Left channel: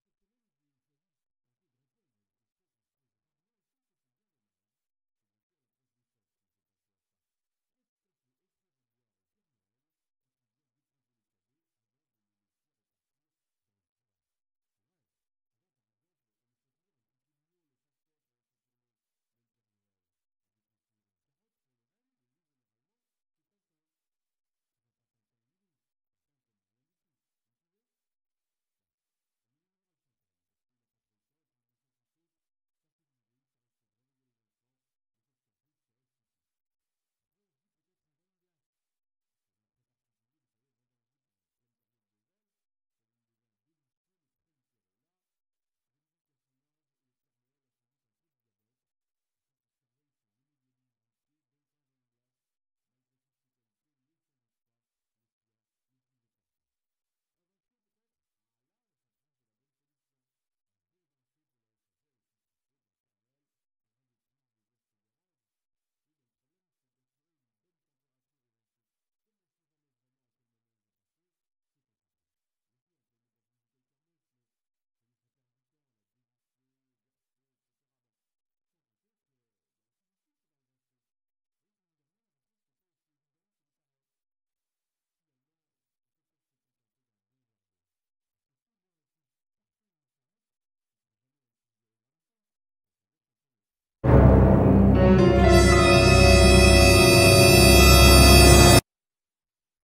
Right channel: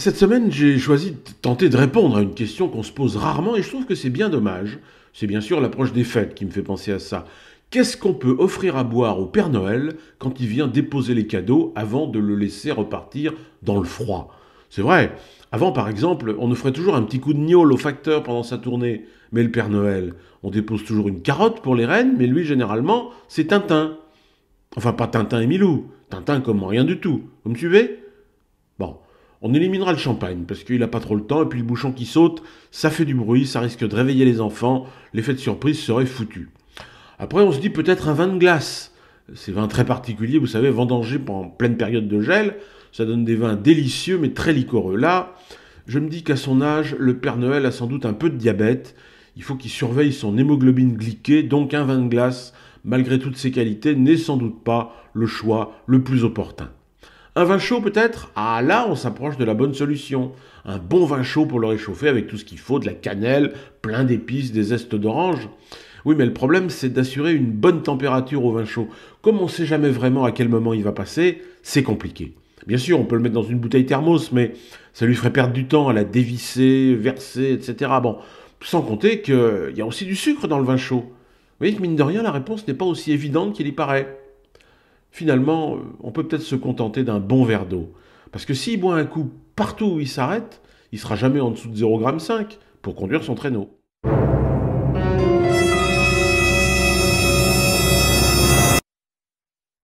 Cette semaine, j'ai choisi de tenter de répondre à une question qu'on se pose rarement et je trouve que c'est bien dommage. C'est bien sûr l'approche des fêtes qui me fait penser à ça. Qu'est-ce qu'on peut offrir à boire au Père Noël quand il vient déposer les cadeaux avant de le laisser repartir dans le froid? C'est vrai. Avant, par exemple, on offrait toujours un petit coup de gnôle au facteur pendant sa tournée. Mais le Père Noël, on dépose toujours une carotte pour les reines, mais lui, généralement, c'est Tintin. Enfin, pas Tintin et Milou. Tintin comme rien du tout. Vous me suivez? Bon, on éliminera le champagne parce qu'il n'a pas trop le temps et puis le bouchon qui saute, ça fait du bruit, ça risque de réveiller les enfants, l'effet de surprise serait foutu. Après, on se dit peut-être un vin de glace. Ces vins très particuliers, vous savez, vendangés en pleine période de gel, ça donne des vins délicieux mais très liquoreux. Là, je me dis qu'à son âge, le Père Noël a sans doute un peu de diabète. Il faut qu'il surveille son hémoglobine glyquée, donc un vin de glace, malgré toutes ses qualités, n'est sans doute pas le choix le plus opportun. Un vin chaud peut-être? Ah là, on s'approche de la bonne solution. Un bon vin chaud pour le réchauffer avec tout ce qu'il faut, de la cannelle, plein d'épices, des zestes d'orange. Oui, mais le problème, c'est d'assurer une bonne température au vin chaud. Comme on ne sait jamais vraiment à quel moment il va passer, c'est compliqué. Bien sûr, on peut le mettre dans une bouteille thermos, mais ça lui ferait perdre du temps à la dévisser, verser, etc. Bon, sans compter qu'il y a aussi du sucre dans le vin chaud. Vous voyez que mine de rien, la réponse n'est pas aussi évidente qu'il y paraît. Finalement, on peut peut-être se contenter d'un bon verre d'eau. Parce que s'il boit un coup partout où il s'arrête, il sera jamais en dessous de 0,5 g pour conduire son traîneau.